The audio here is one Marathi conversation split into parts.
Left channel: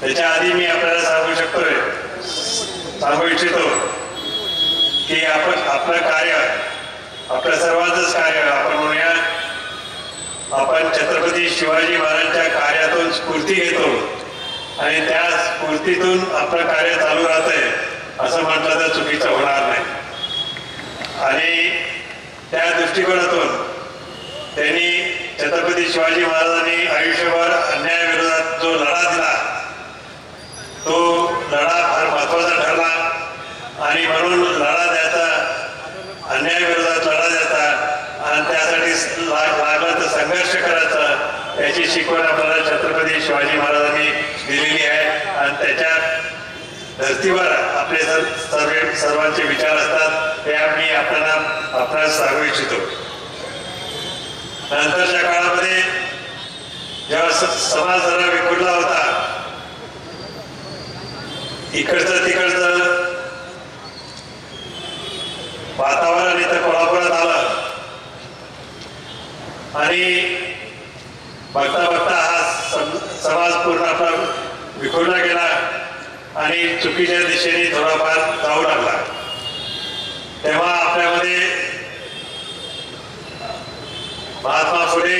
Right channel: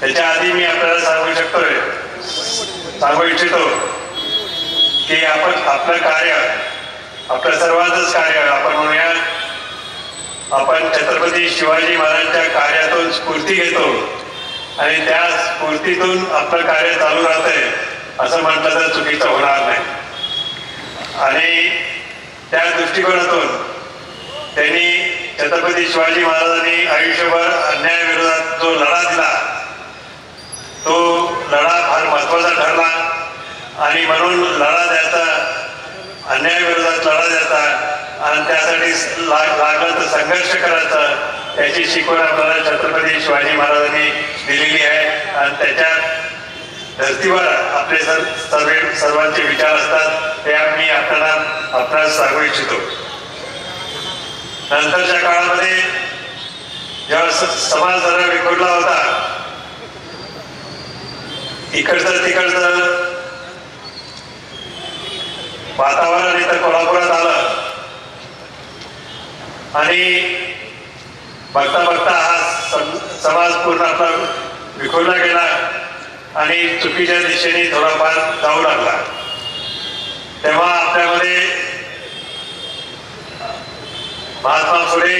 त्याच्या आधी मी आपल्याला सांगू शकतोय सांगू इच्छितो की आपण आपलं कार्य आपलं सर्वांचंच कार्य आपण म्हणूया आपण छत्रपती शिवाजी महाराजांच्या कार्यातून स्फूर्ती घेतो आणि त्या स्फूर्तीतून आपलं कार्य चालू राहतंय असं म्हटलं तर चुकीचं होणार नाही. आणि त्या दृष्टिकोनातून त्यांनी छत्रपती शिवाजी महाराजांनी आयुष्यभर अन्यायाविरोधात जो लढा दिला तो लढा फार महत्त्वाचा ठरला आणि म्हणून लढा द्यायचा अन्यायाविरोधात लढा द्यायचा आणि त्यासाठी लाग लागलं तर संघर्ष करायचा याची शिकवण आपल्याला छत्रपती शिवाजी महाराजांनी दिलेली आहे. आणि त्याच्या धर्तीवर आपले सर सर्व सर्वांचे विचार असतात ते मी आपल्याला आपल्याला सांगू इच्छितो. नंतरच्या काळामध्ये जेव्हा समाज जरा विखुरला होता इकडचं तिकडचं वातावरण इथं कोल्हापुरात आलं. आणि बघता बघता हा समाज पूर्ण आपला विखुरला गेला आणि चुकीच्या दिशेने थोडाफार जाऊ लागला. तेव्हा आपल्यामध्ये महात्मा फुले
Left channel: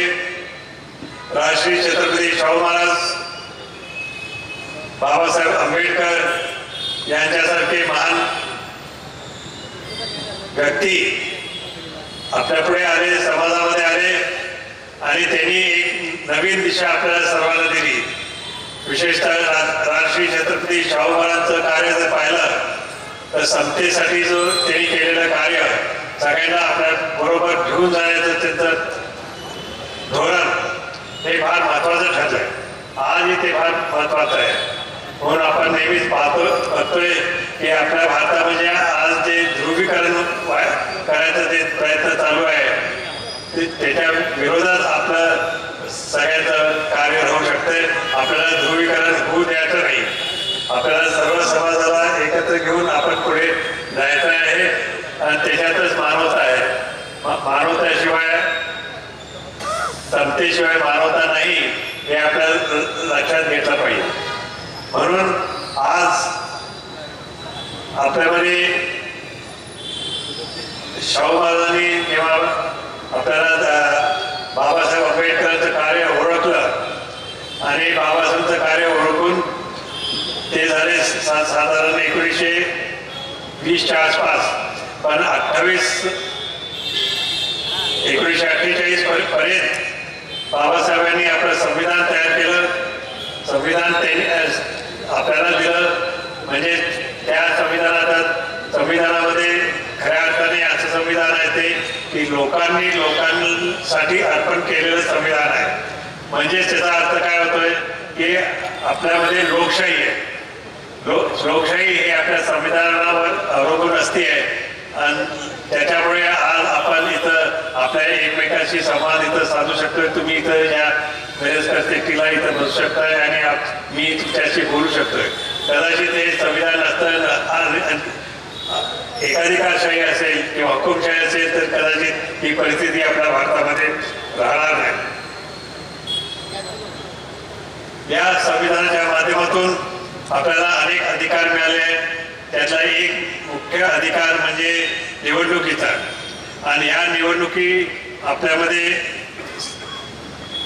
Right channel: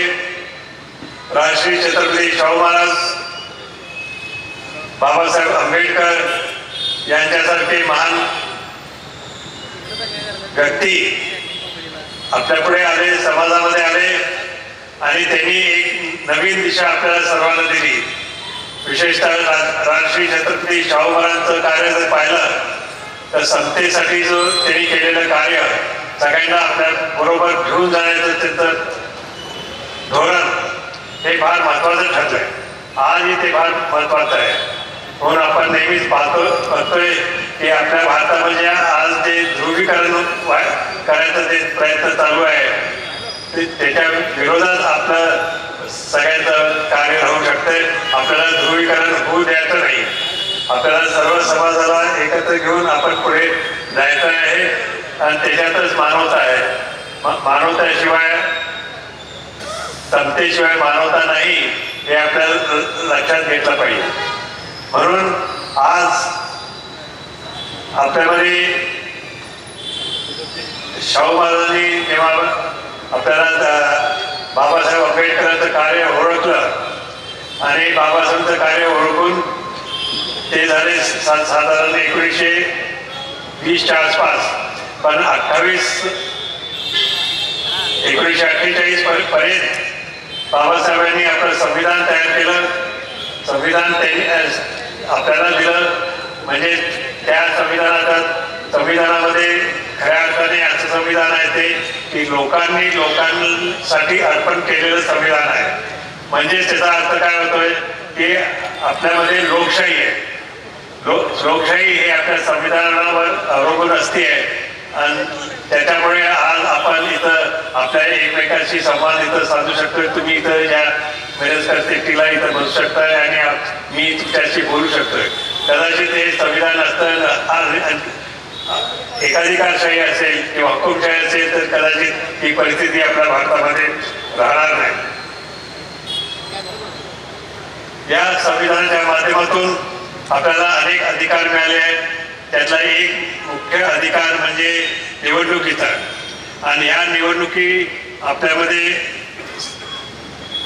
राजश्री छत्रपती शाहू महाराज बाबासाहेब आंबेडकर यांच्यासारखे महान व्यक्ती. आपल्या पुढे आले समाजामध्ये आले आणि त्यांनी एक नवीन दिशा आपल्याला सर्वांना दिली. विशेषतः राजश्री छत्रपती शाहू महाराजांचं कार्य जर पाहिलं तर समतेसाठी जो त्यांनी केलेलं कार्य सगळ्यांना आपल्या बरोबर घेऊन जाण्याचं त्यांचं धोरण हे फार महत्वाचं ठरलंय. आजही ते फार महत्वाचं आहे. म्हणून आपण नेहमीच पाहतो बघतोय की आपल्या भारतामध्ये आज जे ध्रुवीकरण करायचा करायचं जे प्रयत्न चालू आहे ते त्याच्या विरोधात आपलं सगळ्याचं कार्य होऊ शकतंय. आपल्याला ध्रुवीकरण होऊ द्यायचं नाही. आपल्याला सर्व समाजाला एकत्र घेऊन आपण पुढे जायचं आहे आणि त्याच्यातच मानवता आहे. मानवताशिवाय समतेशिवाय मानवता नाही हे आपल्याला लक्षात घेतलं पाहिजे. म्हणून आज आपल्यामध्ये शाहू महाराजांनी तेव्हा आपल्याला बाबासाहेब आंबेडकरांचं कार्य ओळखलं आणि बाबासाहेबांचं कार्य ओळखून ते झाले सा साधारण एकोणीसशे वीसच्या आसपास. पण अठ्ठावीस एकोणीसशे अठ्ठेचाळीस पर्यंत बाबासाहेबांनी आपलं संविधान तयार केलं. संविधान त्यांनी आपल्याला दिलं. म्हणजे त्या संविधानाचा संविधानामध्ये खऱ्या अर्थाने असं संविधान आहे ते की लोकांनी लोकांसाठी अर्पण केलेलं संविधान आहे. म्हणजेच त्याचा अर्थ काय होतोय की आपल्यामध्ये लोकशाही आहे. लोक लोकशाही हे आपल्या संविधानावर अवलंबून असते आणि त्याच्यामुळे आज आपण इथं आपल्या एकमेकांशी संवाद इथं साधू शकतोय. तुम्ही इथं या मेरेज करते तिला इथं बसू शकताय आणि मी तुमच्याशी बोलू शकतोय. कदाचित हे संविधान असतं आज- एकाधिकारशाही असेल किंवा हुकुमशाही असेल तर कदाचित ही परिस्थिती आपल्या भारतामध्ये राहणार नाही. या संविधानाच्या माध्यमातून आपल्याला अनेक अधिकार मिळाले आहेत. त्यातला एक मुख्य अधिकार म्हणजे निवडणुकीचा. आणि ह्या निवडणुकी आपल्यामध्ये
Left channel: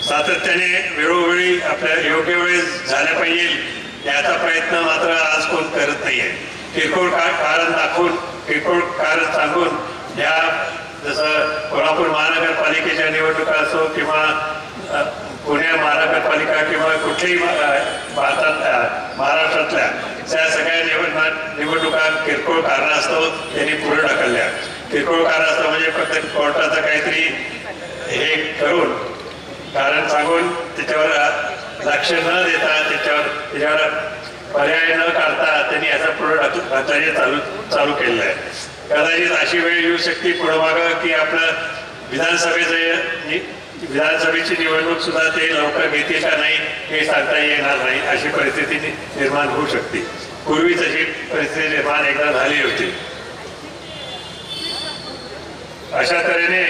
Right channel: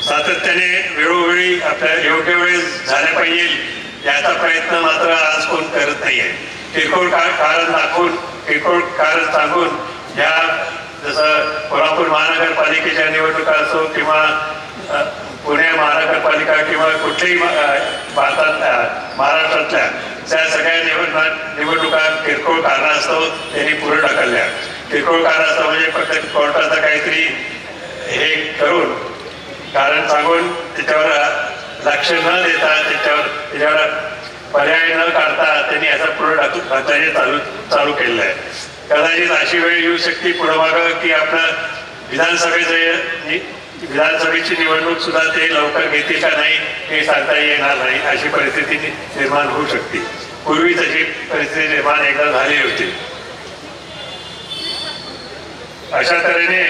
सातत्याने वेळोवेळी आपल्या योग्य वेळेस झाल्या पाहिजे. याचा प्रयत्न मात्र आज कोण करत नाहीये. किरकोळ कारण दाखवून किरकोळ कारण सांगून या जसं कोल्हापूर महानगरपालिकेच्या निवडणुका असो किंवा पुणे महानगरपालिका किंवा कुठल्याही भारतात महाराष्ट्रातल्या त्या सगळ्या निवडणुका निवडणुका किरकोळ कारणास्तव त्यांनी पुढे ढकलल्या. किरकोळ कारणास्तव म्हणजे फक्त कोर्टाचं काहीतरी हे करून कारण सांगून त्याच्यावर लक्ष न देता त्याच्यावर त्याच्यावर पर्याय न काढता त्यांनी याचा पूर्ण हाताने चालू चालू केलेला आहे. कदाचित अशी वेळ येऊ शकते पुढे मागं की आपलं विधानसभेचं विधानसभेची निवडणूक सुद्धा ते लवकर घेतील का नाही हे सांगता येणार नाही. अशी परिस्थिती निर्माण होऊ शकते. पूर्वी तशी परिस्थिती निर्माण एकदा झाली होती. अशा तऱ्हेने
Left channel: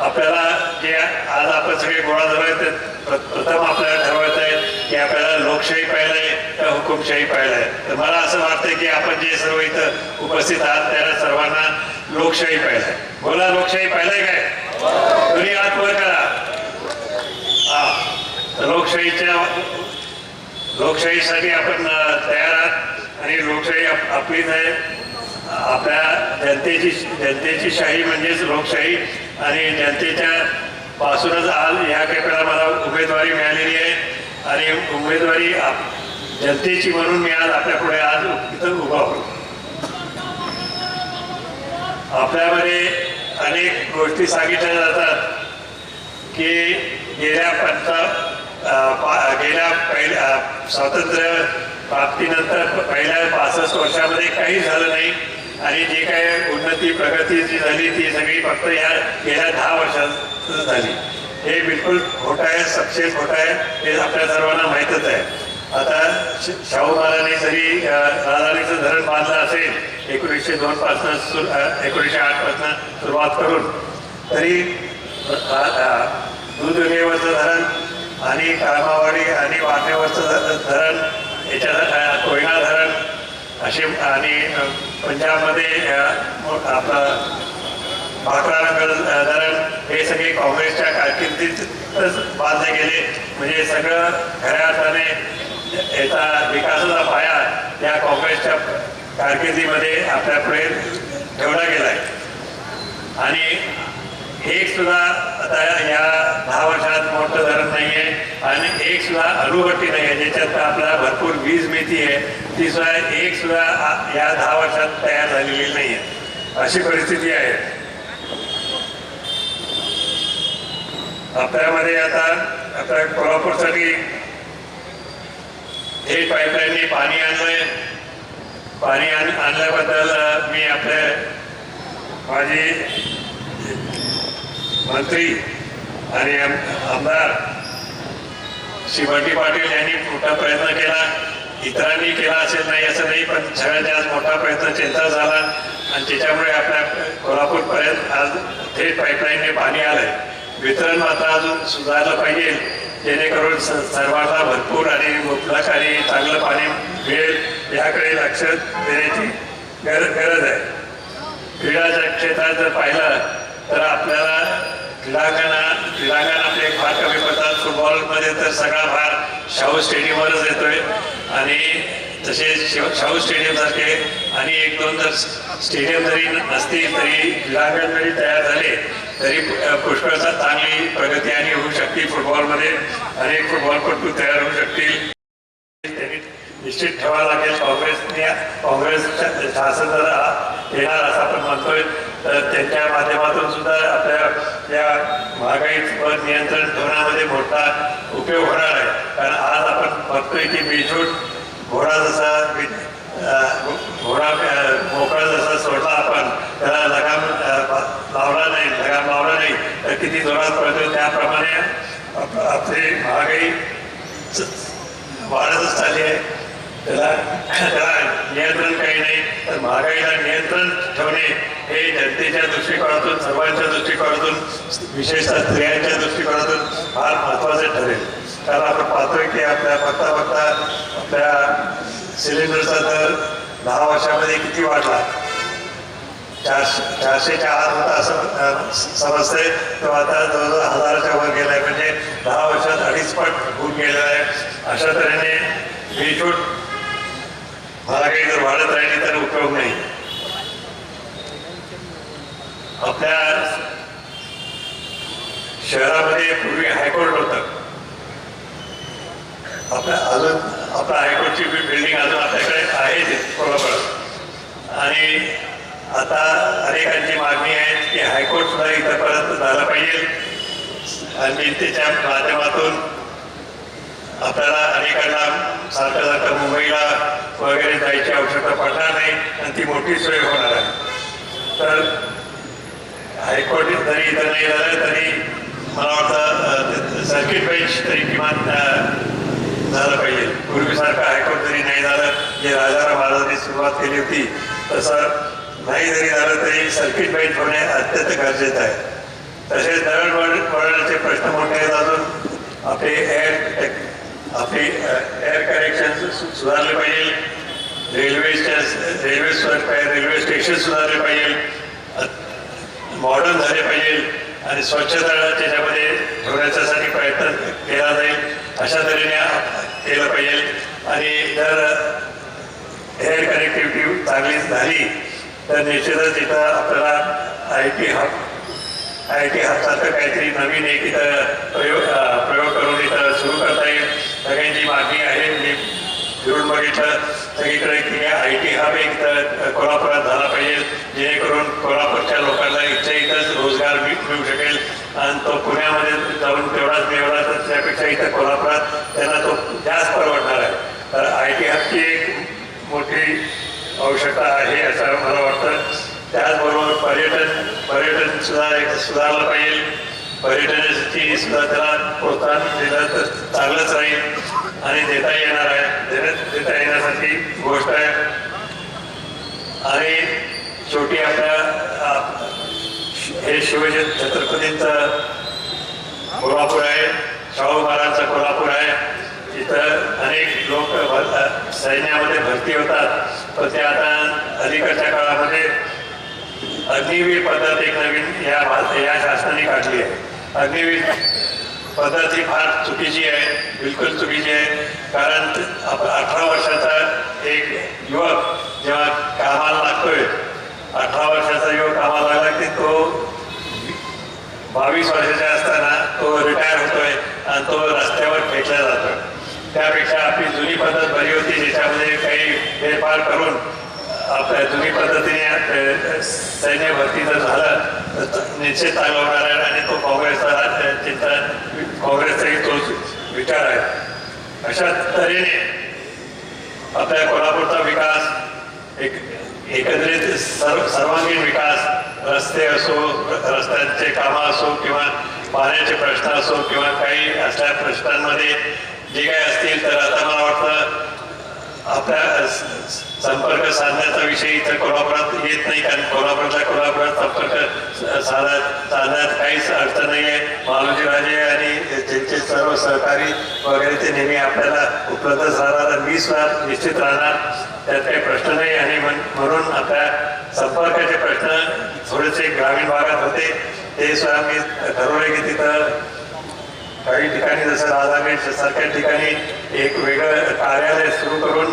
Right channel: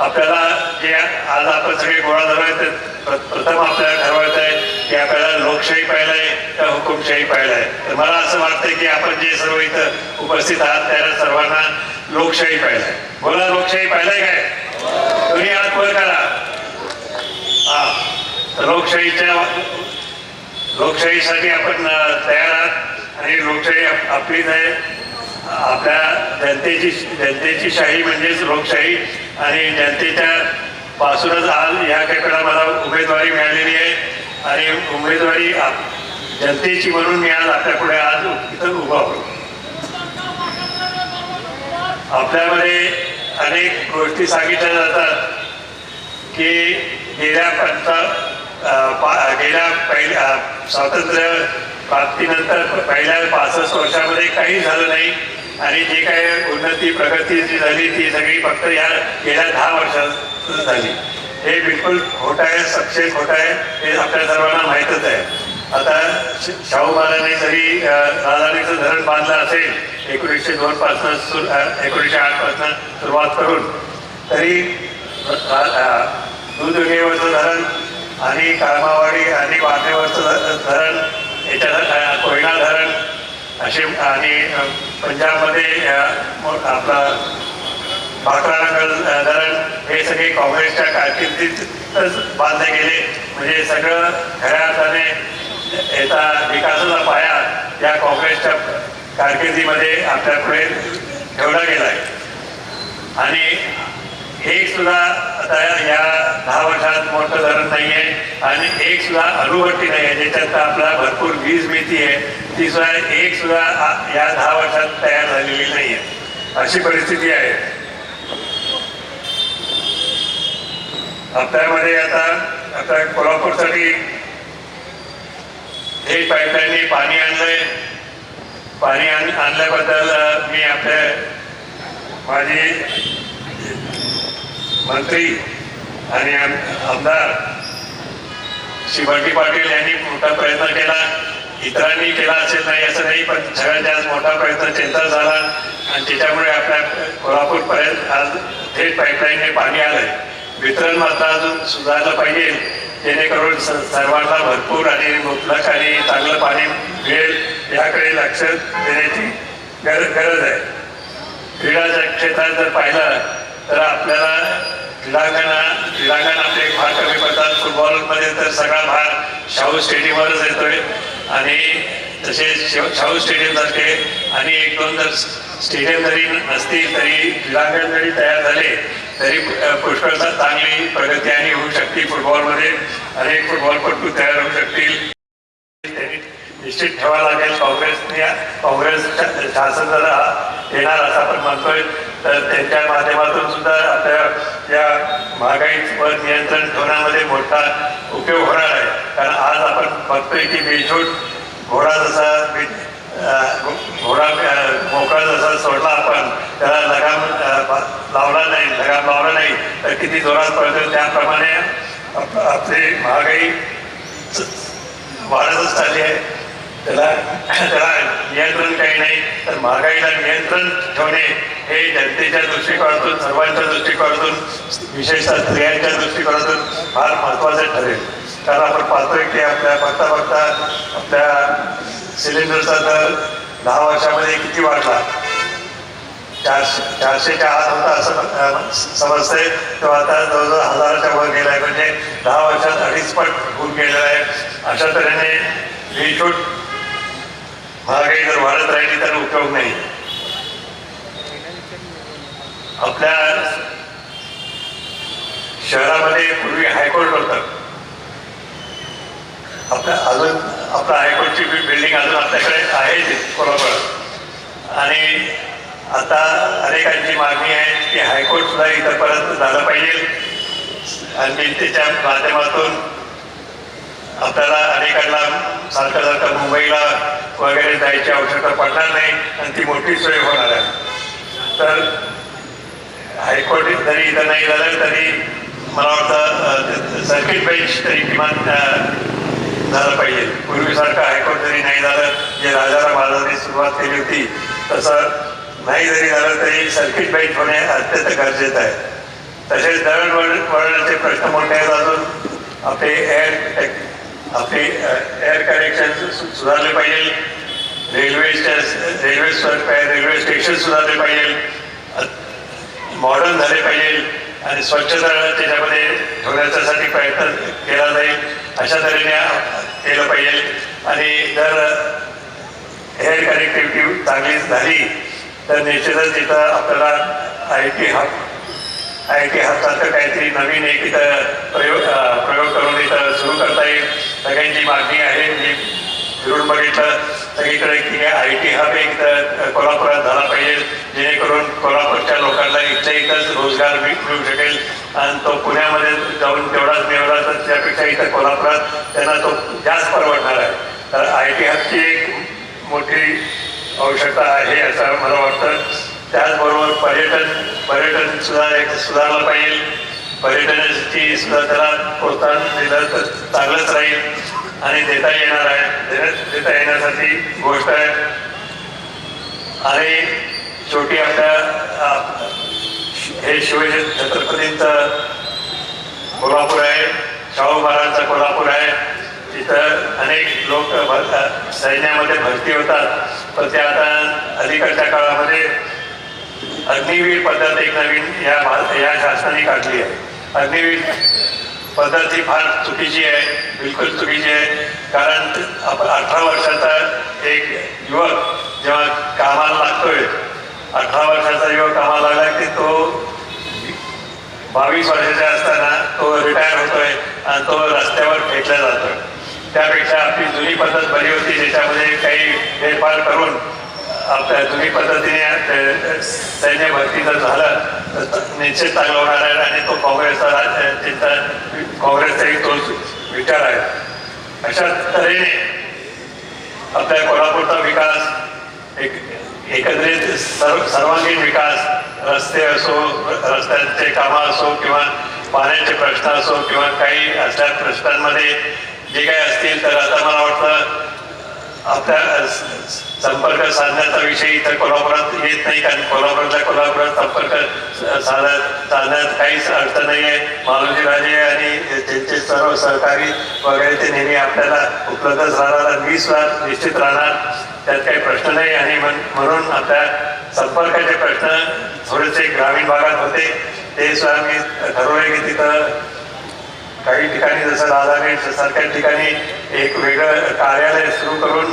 आपल्याला जे आज आपण सगळे गोळा झालोय ते प्र- प्रथम आपल्याला ठरवायचं आहे की आपल्याला लोकशाही पाहिलंय का हुकुमशाही पाहिलंय तर मला असं वाटतं की आपण जे सर्व इथं उपस्थित आहात त्याला सर्वांना लोकशाही पाहिलंय बोला लोकशाही पाहिलंय काय? तुम्ही आज वर करा. हा. लोकशाहीच्या लोकशाहीसाठी आपण तयार आहात आणि लोकशाही आपलीच आहे आपल्या जनतेची जनतेची शाही म्हणजेच लोकशाही आणि जनतेच्या पासूनच आज या खेपेला मला उमेदवारी मिळालेली आहे. आणि उमेदवारी आप- जनतेची म्हणून मी आज आपल्या पुढे आज इथं उभा होतो. आपल्यामध्ये अनेक गोष्टी सांगितल्या जातात की गेल्या पंचा गेल्या पहिल्या स्वातंत्र्य प्राप्तीनंतर पहिल्या पासष्ट वर्षामध्ये काही झालं नाही. आणि जी काय उन्नती प्रगती जी झाली ती सगळी फक्त या गेल्या दहा वर्षात झाली. हे बिलकुल खोटं आहे सक्सेस खोट आहे हे आपल्या सर्वांना माहीतच आहे. आता शाहू महाराजांनी जरी अ, राजधानीचं धरण बांधलं असेल एकोणीसशे दोन पासून एकोणीसशे आठपासून सुरुवात करून तरी दूधगेवरचं धरण आणि कामावाडी आणि वाटेवरचं धरण याच्या कोयना धरण असे आणि पंजाबमध्ये आपला भाकरानगर धरण हे सगळे काँग्रेसच्या कारकिर्दीतच बांधले गेले. म्हणजे सगळं खऱ्या अर्थाने याचा विकासाचा पाया या काँग्रेसच्या कारकिर्दीमध्ये आपल्यापुढे ठेवला गेला आहे. आणि एक सुद्धा आता या दहा वर्षात मोठं धरण नाही आहे आणि एक सुद्धा अणुभट्टी नाही आहे ज्याच्यात आपला भरपूर वीज मिळती आहे ती सुद्धा एक सुद्धा या दहा वर्षात तयार झालेली नाही आहे अशी परिस्थिती आहे. आपल्यामध्ये आता आता कोल्हापूरसाठी हे पाईपलाईनने पाणी आणलंय. पाणी आण आणल्याबद्दल मी आपल्या माझी मंत्री आणि आमदार शिवाजी पाटील यांनी मोठा प्रयत्न केला. इतरांनी केला असेल नाही असं नाही पण सगळ्यात जास्त मोठा प्रयत्न त्यांचा झाला. आणि त्याच्यामुळे आपल्या कोल्हापूरपर्यंत आज थेट पाईपलाईनने पाणी आलंय. वितरण मात्र अजून सुधारलं पाहिजे. जेणेकरून स- सर्वांना भरपूर आणि मुबलक आणि चांगलं पाणी मिळेल याकडे लक्ष देण्याची गरज गरज आहे. क्रीडाच्या क्षेत्रात जर पाहिलं तर आपल्याला क्रीडांगणा क्रीडांगण आपले फार कमी पडतात. फुटबॉलमध्ये तर सगळा भार शाहू स्टेडियमवरच येतोय. आणि तसेच शाहू स्टेडियम सारखे आणि एक दोन जर स्टेडियम जरी नसतील तरी क्रीडांगण जरी तयार झाले तरी पुष्कळचा चांगली प्रगती आणि होऊ शकते फुटबॉलमध्ये. अनेक फुटबॉलपटू तयार होऊ शकतील. निश्चित ठेवावं लागेल. काँग्रेसने काँग्रेस शा- शासन येणार असं आपण म्हणतोय. तर त्यांच्या माध्यमातून सुद्धा आपल्या या महागाईवर नियंत्रण ठेवण्यामध्ये मोठा उपयोग होणार आहे. कारण आज आपण बघतोय की बेछूट घोडा जसा घोडा मोकळा जसा सोडला आपण त्याला लगाम लावला नाही लगाम लावला नाही. तर किती जोरात पडतो त्याप्रमाणे आपली महागाई वाढतच चालली आहे. त्याला त्याला नियंत्रण काही नाही. तर महागाईला नियंत्रण ठेवणे हे जनतेच्या दृष्टिकोनातून सर्वांच्या दृष्टिकोनातून विशेषतः स्त्रियांच्या दृष्टिकोनातून फार महत्त्वाचं ठरेल. कारण आपण पाहतोय की आपल्या बघता बघता आपल्या सिलेंडरचा दर दहा वर्षामध्ये किती वाढला? चारशे चारशेच्या आत होता असं समजतंय. तो आता जवळजवळ हजाराच्या वर गेलाय. म्हणजे दहा वर्षात अडीच पट होऊन गेलेला आहे अशा तऱ्हेने बेछूट महागाई जर वाढत राहिली तर उपयोग नाही. आपल्या शहरामध्ये पूर्वी हायकोर्ट होतं. आपल्या अजून आपल्या हायकोर्टची बिल्डिंग अजून आपल्याकडे आहे ते कोल्हापुरात आणि आता अनेकांची मागणी आहे की हायकोर्ट सुद्धा इथंपर्यंत झालं पाहिजे. आणि त्याच्या माध्यमातून आपल्याला अनेकांना सारखं सारखं मुंबईला वगैरे जायची आवश्यकता पडणार नाही आणि ती मोठी सोय होणार आहे. तर हायकोर्ट जरी इथं नाही झालं तरी मला वाटतं सर्किट बेंच तरी किमान झालं पाहिजे. पूर्वीसारखं हायकोर्ट जरी नाही झालं जे राजाराम महाराजांनी सुरुवात केली होती तसं नाही जरी झालं तरी सर्किट बेंच होणे अत्यंत गरजेचं आहे. तसेच दळणवळणाचे वळ- प्रश्न मोठे आहेत अजून आपले एअर आपले एअर कनेक्शन सुधारले पाहिजे. रेल्वे रेल्वे रेल्वे स्टेशन सुधारले पाहिजे. मॉडर्न झाले पाहिजे. आणि स्वच्छता त्याच्यामध्ये ठेवण्याच्यासाठी प्रयत्न केला जाईल. अशा तऱ्हेने केलं पाहिजे. आणि जर एअर कनेक्टिव्हिटी चांगली झाली तर निश्चितच तिथं आपल्याला I T hub I T हबसारखं काहीतरी नवीन एक इथं प्रयोग प्रयोग करून इथं सुरू सगळ्यांची मागणी आहे. मी फिरून बघितलं सगळीकडे की आय टी हब एक कोल्हापुरात झाला पाहिजे. जेणेकरून कोल्हापूरच्या लोकांना इथल्या इथंच रोजगार मिळू शकेल. आणि तो पुण्यामध्ये जाऊन तेवढाच मिळवला तर त्यापेक्षा इथं कोल्हापुरात त्यांना तो जास्त परवडणार आहे. तर आय टी हबची एक मोठी आवश्यकता आहे असं मला वाटतं. त्याचबरोबर पर्यटन पर्यटन सुद्धा एक सुधारलं पाहिजे. पर्यटनाची सुद्धा त्याला प्रोत्साहन दिलं तर चांगलंच राहील. आणि देता येणार आहे. देता येण्यासाठी गोष्ट आहे. आणि शेवटी आपल्या हे शिवाजी छत्रपतींचं कोल्हापूर आहे. शाहू महाराजांचा कोल्हापूर आहे. तिथं अनेक लोक भर- सैन्यामध्ये भरती होतात. पण ते आता अलीकडच्या काळामध्ये अग्निवीर पद्धत एक नवीन या भा- या शासनाने काढली आहे. अग्निवीर पद्धत ही फार चुकीची आहे बिलकुल चुकीची आहे. कारण आपण अठरा वर्षाचा एक युवक जेव्हा कामाला लागतोय अठरा वर्षाचा युवक कामाला लागला की तो बावीस वर्षाचा असताना तो रिटायर होतोय आणि तो रस्त्यावर फेकला जातोय. त्यापेक्षा आपली जुनी पद्धत बरी होती ज्याच्यामध्ये काही फेरफार करून आपल्या जुनी पद्धतीने सैन्य भरती जर झालं तर निश्चित चांगलं होणार आहे आणि तो काँग्रेसचा अ, चिंता काँग्रेसचाही तो विचार आहे. अशा तऱ्हेने आपल्या कोल्हापूरचा विकास एक एकत्रित सर्व सर्वांगीण विकास रस्ते असो रस्त्यांचे कामं असो किंवा पाण्याचे प्रश्न असो किंवा काही असल्या प्रश्नांमध्ये जे काही असतील तर आता मला वाटतं आता संपर्क साधण्याचा विषय इथं कोल्हापुरात येत नाही कारण कोल्हापुरातल्या कोल्हापुरात संपर्क स- साधण्यात साधण्यात काहीच अर्थ नाही आहे मालोजी राजे आणि त्यांचे सर्व सहकारी वगैरे ते नेहमी आपल्याला उपलब्ध राहणार आणि वीस वार निश्चित राहणार त्यात काही प्रश्न नाही. आणि म्हणून आता संपर्काचे प्रश्न थोडेसे ग्रामीण भागात होते. ते सुद्धा मी ठरवले की तिथं काही ठिकाणी जसं राधागेट सारख्या ठिकाणी एक वेगळं कार्यालय सुरू करून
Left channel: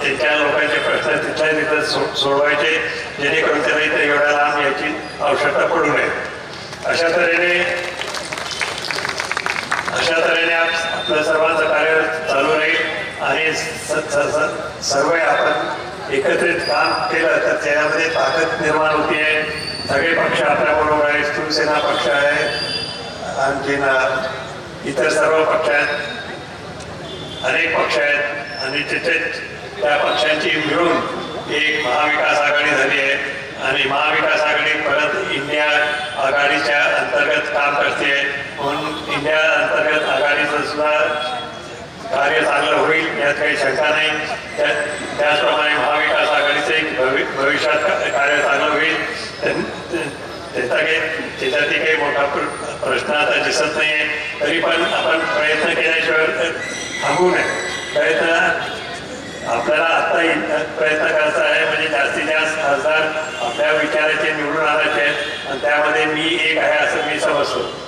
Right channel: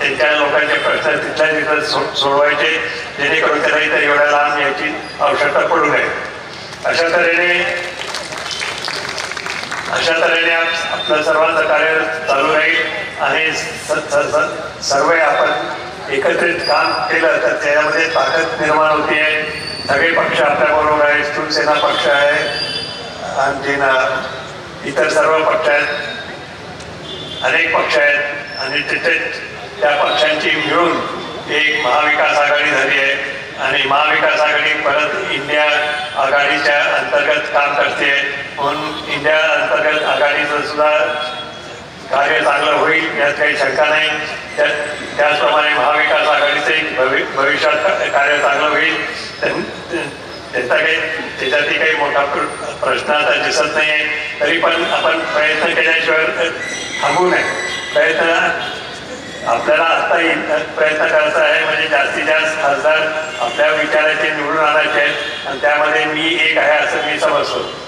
त्यांच्या लोकांचे प्रश्न तिथल्या तिथं सो- सोडवायचे जेणेकरून त्यांना इथे एवढ्या लांब याची आवश्यकता पडू नये. अशा तऱ्हेने अशा तऱ्हेने आपलं सर्वांचं कार्य चालू राहील आणि स- सर्व आपण एकत्रित काम केलं तर त्यामध्ये ताकद निर्माण होती आहे सगळे पक्ष आपल्याबरोबर आहे शिवसेना पक्ष आहे आणखीन इतर सर्व पक्ष आहेत अनेक पक्ष आहेत आणि तिथे त्या पक्षांची मिळून एक महाविकास आघाडी झाली आहे. आणि महाविकास आघाडी परत इंडिया आघाडीच्या अंतर्गत काम करते म्हणून इंडिया अंतर्गत आघाडीचं सुद्धा कार्य चांगलं होईल यात काही शंका नाही. त्या त्याचप्रमाणे महाविकास आघाडीचं एक भवि भविष्यात कार्य चांगलं होईल. त्याचा काही त्याच्यातही काही मोठा प्रश्न आता दिसत नाही आहे. तरी पण आपण प्रयत्न केल्याशिवाय थांबू नये. प्रयत्न आपल्याला आता प्रयत्न करायचा आहे. म्हणजे जास्तीत जास्त खासदार आपल्या विचाराचे निवडून आणायचे आहेत. आणि त्यामध्ये मी एक आहे असं मी समजतो.